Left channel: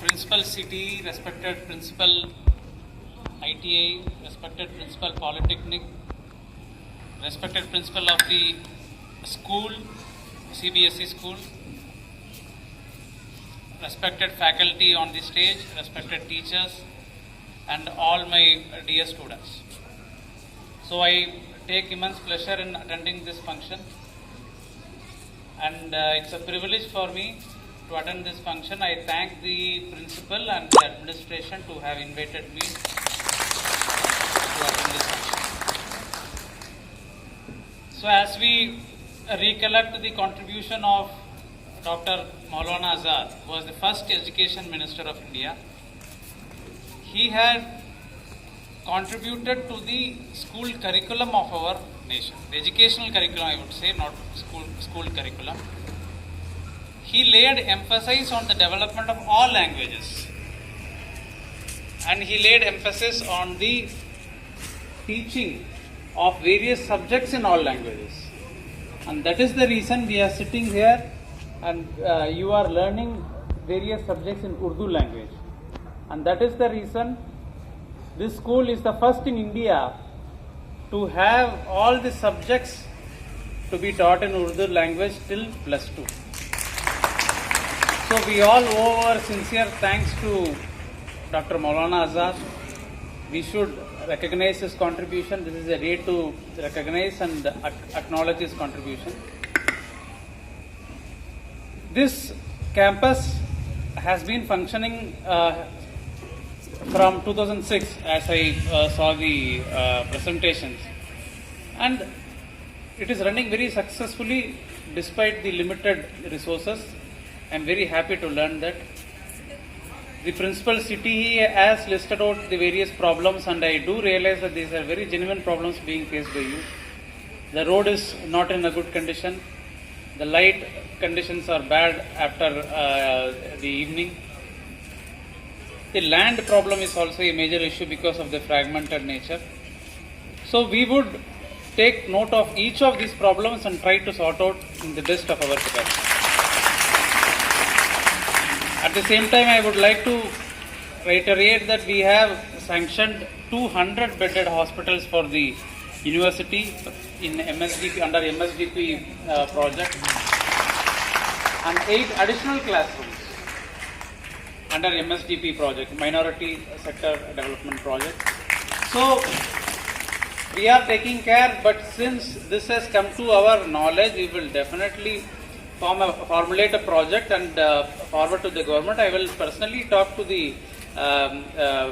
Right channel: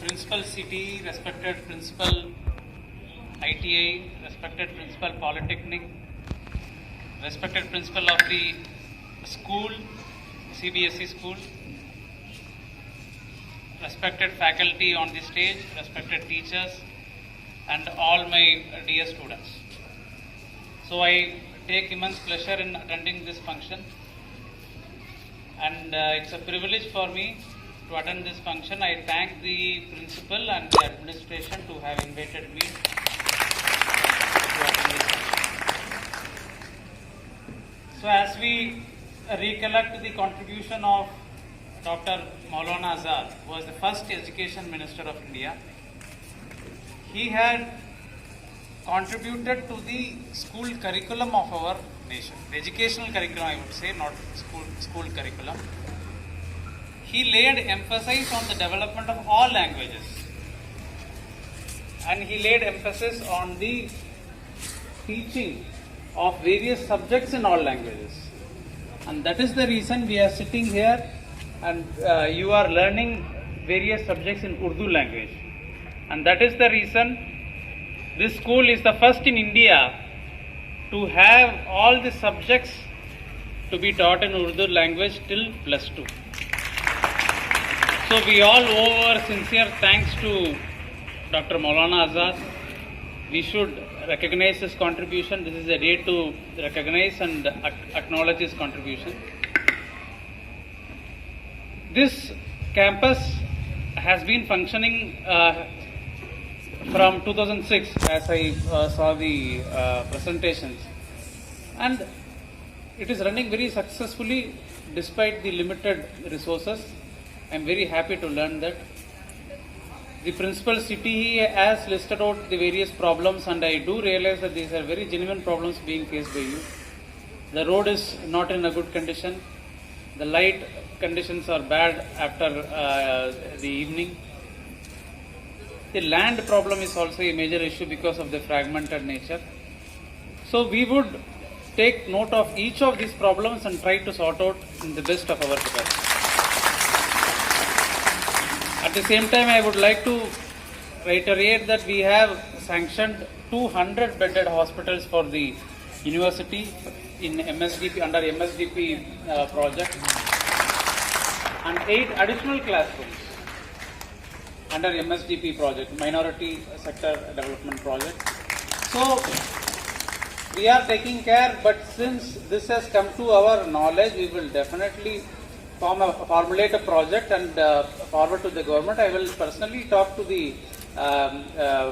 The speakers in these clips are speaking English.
Principal City, respected Principal ITI, respected Principal Polytechnic, respected Principal of the school, CBSE school, respected faculty on the stage, respected teachers, and all my dear students. So I take immense pleasure in attending this function, and it's a privilege for me to attend this function. I thank the principal and the administration to have invited me to attend this function. So as we recollect the contribution of Dr. Maulana Azad, who was the first Education Minister of India, he had contributed to the school curriculum of our nation. The educational curriculum, I would say, not school curriculum. He laid emphasis on the development of all languages, and he laid emphasis on the teaching of various subjects in all languages. And that is the reason we are sitting here and you are learning various subjects in Urdu language. And that is the reason this school is the first in India to have all the subjects to be taught in Urdu language till +2. So we all owe our sincere thanks to Dr. Maulana Azad. We should recognize his contribution. This is a day to recognize and acknowledge his contribution. This campus has been functioning from 2006, as I saw the presentations, and it is running very successfully despite the limited resources. I am very happy to learn that. The principal city has listed out the various problems, and I do realize that these are very genuine problems being faced by you. The road is not in a good condition. The light conditions are bad after the evening. The land problem is also a major issue because of the fragmented nature. So we would take note of each of these problems and try to sort out in the best of our capacity. At the same time, I would like to reiterate that we have sanctioned 200 bedded hospitals for the university in MSDP, under MSDP project, and 8 additional classrooms under MSDP project, Minority Sector Development Project. So we are taking care, but since this has come to our knowledge, we will definitely formulate a project and forward to the government. I will personally talk to the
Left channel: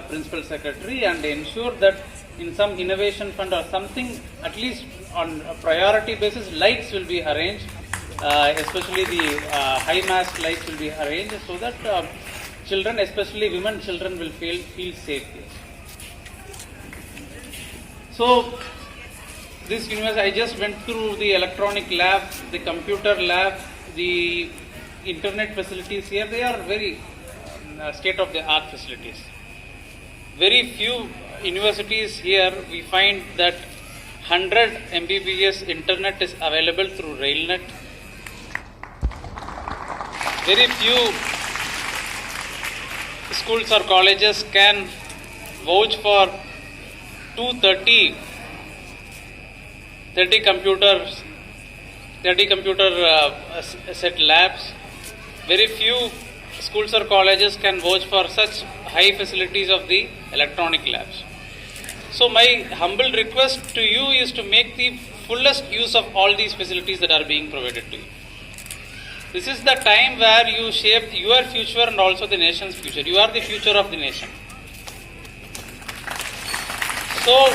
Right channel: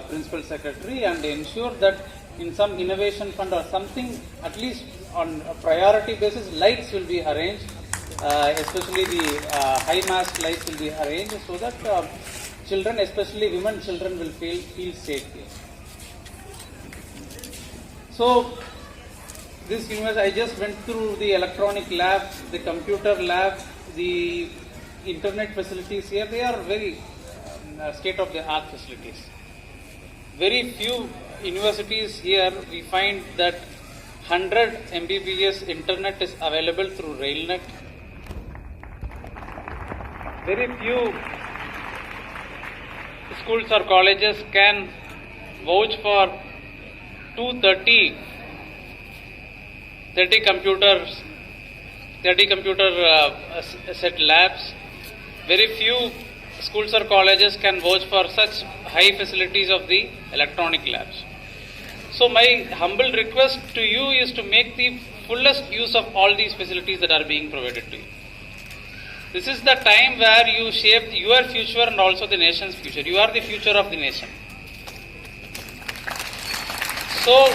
principal secretary and ensure that in some innovation fund or something, at least on a priority basis, lights will be arranged, especially the high mast lights will be arranged, so that children, especially women children, will feel safe here. So this university, I just went through the electronic lab, the computer lab, the internet facilities here. They are very state-of-the-art facilities. Very few universities here we find that 100 Mbps internet is available through RailNet. Very few schools or colleges can vouch for 230 computer set labs. Very few schools or colleges can vouch for such high facilities of the electronic labs. So my humble request to you is to make the fullest use of all these facilities that are being provided to you. This is the time where you shape your future and also the nation's future. You are the future of the nation. So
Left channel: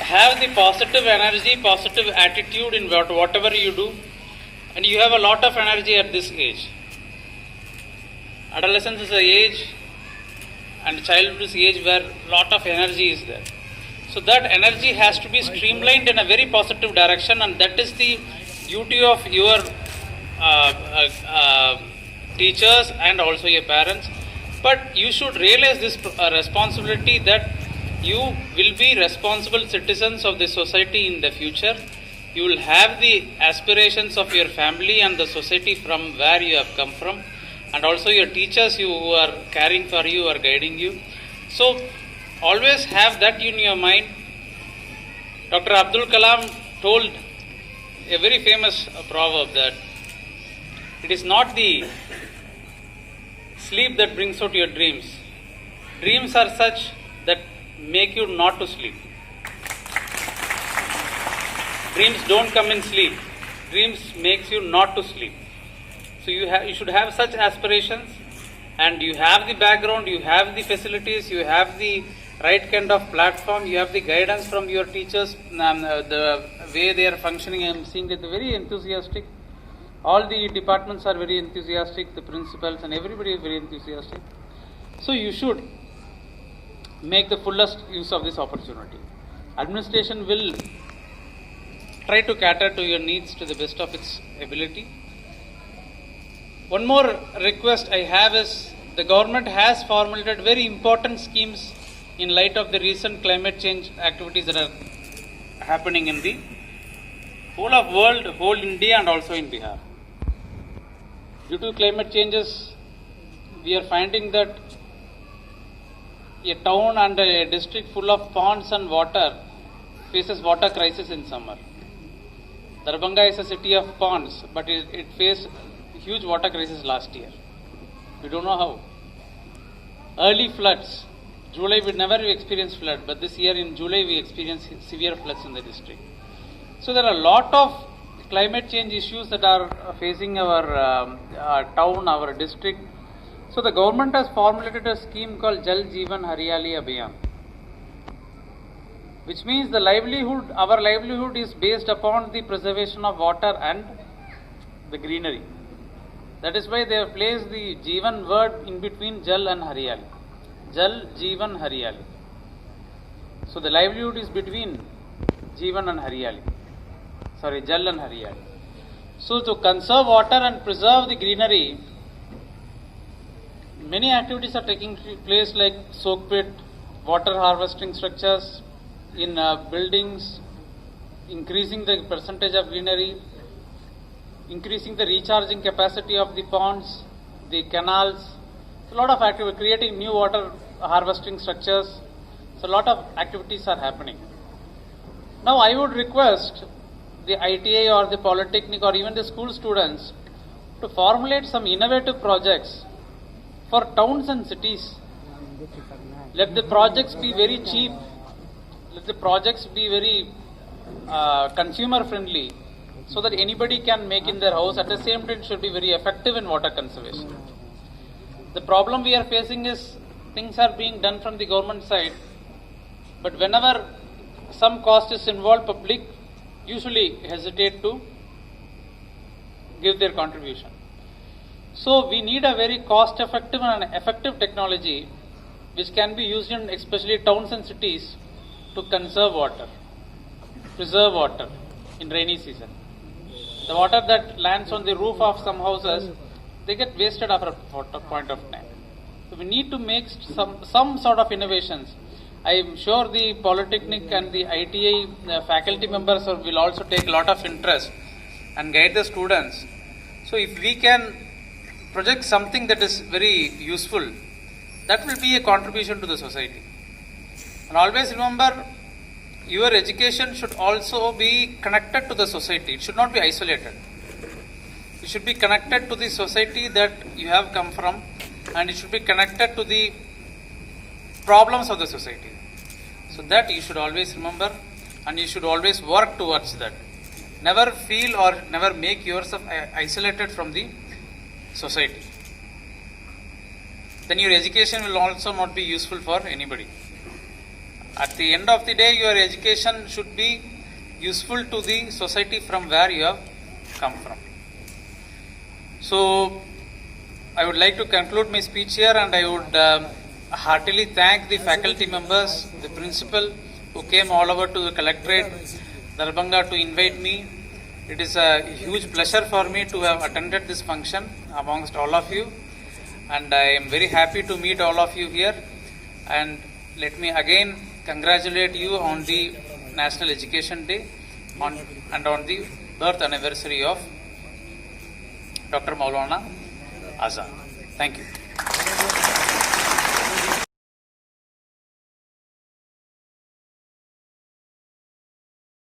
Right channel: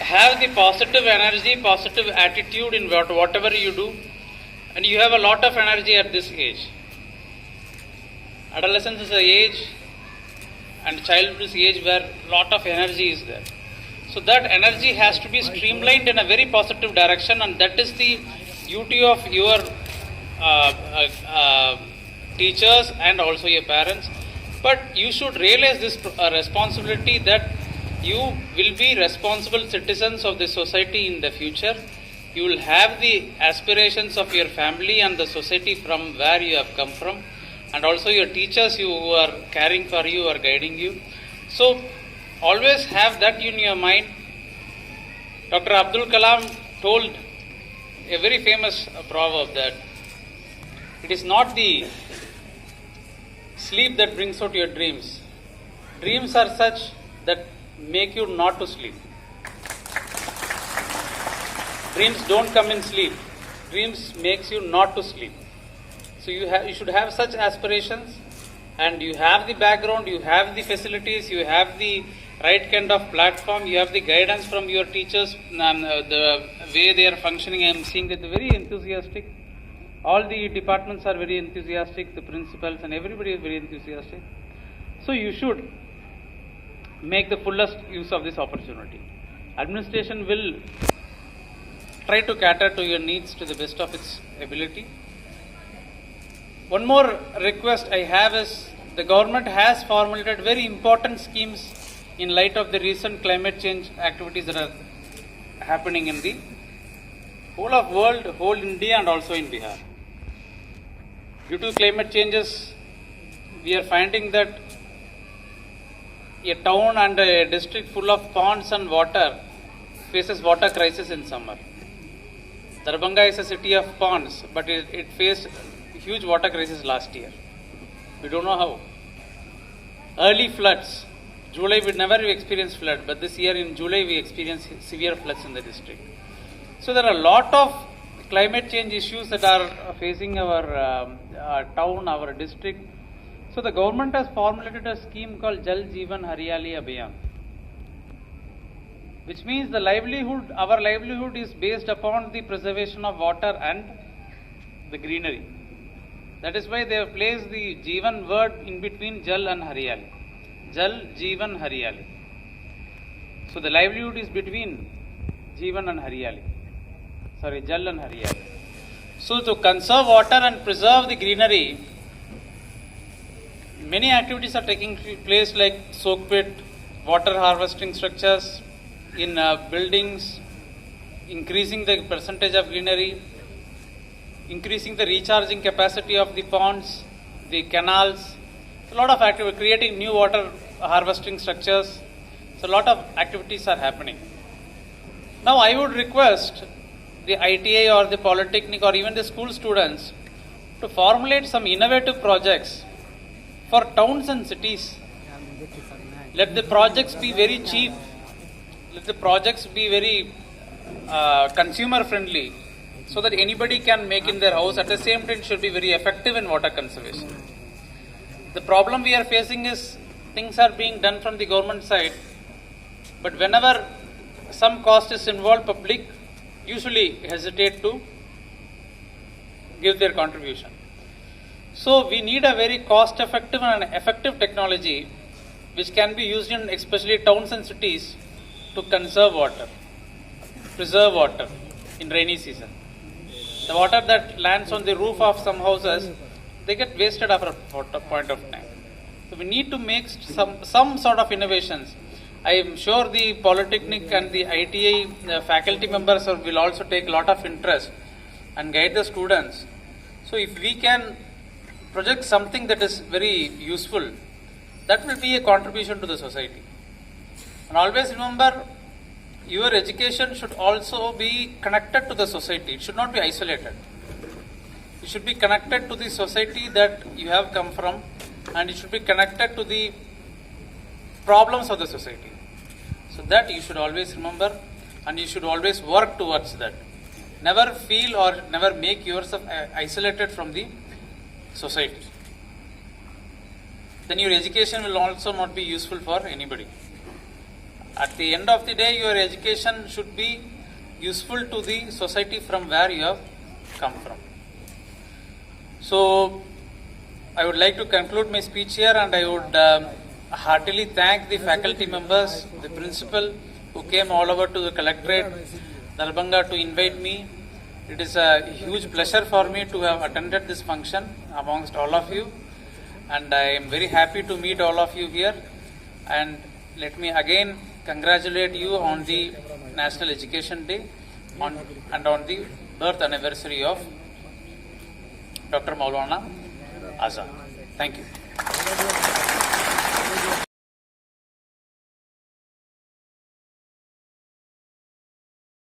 have the positive energy, positive attitude in whatever you do, and you have a lot of energy at this age. Adolescence is an age and childhood is an age where a lot of energy is there. So that energy has to be streamlined in a very positive direction, and that is the duty of your teachers and also your parents. But you should realize this responsibility that you will be responsible citizens of the society in the future. You will have the aspirations of your family and the society from where you have come from, and also your teachers who are caring for you or guiding you. So always have that in your mind. Dr. Abdul Kalam told a very famous proverb that it is not the sleep that brings out your dreams. Dreams are such that make you not to sleep. Dreams don't come in sleep. Dreams makes you not to sleep. So you should have such aspirations, and you have the background, you have the facilities, you have the right kind of platform, you have the guidance from your teachers, the way they are functioning. I am seeing that they're very enthusiastic. All the departments are very enthusiastic, the principals and everybody is very enthusiastic. So you should make the fullest use of this opportunity. Administration will try to cater to your needs to the best of its ability. One more request I have is the government has formulated very important schemes in light of the recent climate change activities that are happening in the whole of world, whole India and also in Bihar. Due to climate changes, we are finding that a town and a district full of ponds and water faces water crisis in summer. Darbhanga is a city of ponds, but it faced huge water crisis last year. We don't know how. Early floods. July we never experienced flood, but this year in July we experienced severe floods in the district. So there are a lot of climate change issues that are facing our town, our district. So the government has formulated a scheme called Jal Jeevan Hariyali Abhiyan, which means our livelihood is based upon the preservation of water and the greenery. That is why they have placed the Jeevan word in between Jal and Hariyali. Jal, Jeevan, Hariyali. So the livelihood is between Jeevan and Hariyali. Sorry, Jal and Hariyali. So to conserve water and preserve the greenery, many activities are taking place like soak pit, water harvesting structures in buildings, increasing the percentage of greenery, increasing the recharging capacity of the ponds, the canals. A lot of activity, creating new water harvesting structures. So a lot of activities are happening. Now I would request the ITI or the Polytechnic or even the school students to formulate some innovative projects for towns and cities. Let the projects be very cheap. Let the projects be very consumer friendly, so that anybody can make in their house. At the same time, it should be very effective in water conservation. The problem we are facing is things are being done from the government side, but whenever some cost is involved, public usually hesitate to give their contribution. So we need a very cost effective and effective technology which can be used in especially towns and cities to conserve water, preserve water in rainy season. The water that lands on the roof of some houses, they get wasted after a point of time. So we need to make some sort of innovations. I am sure the Polytechnic and the ITI faculty members will also take a lot of interest and guide the students. So if we can project something that is very useful, that will be a contribution to the society. And always remember, your education should also be connected to the society. It should not be isolated. It should be connected to the society that you have come from, and it should be connected to the problems of the society. So that you should always remember, and you should always work towards that. Never feel or never make yourself isolated from the society. Then your education will also not be useful for anybody. At the end of the day, your education should be useful to the society from where you have come from. So I would like to conclude my speech here, and I would heartily thank the faculty members, the principal who came all over to the collectorate, Darbhanga, to invite me. It is a huge pleasure for me to have attended this function amongst all of you, and I am very happy to meet all of you here. And let me again congratulate you on the National Education Day and on the birth anniversary of Dr. Maulana Azad. Thank you.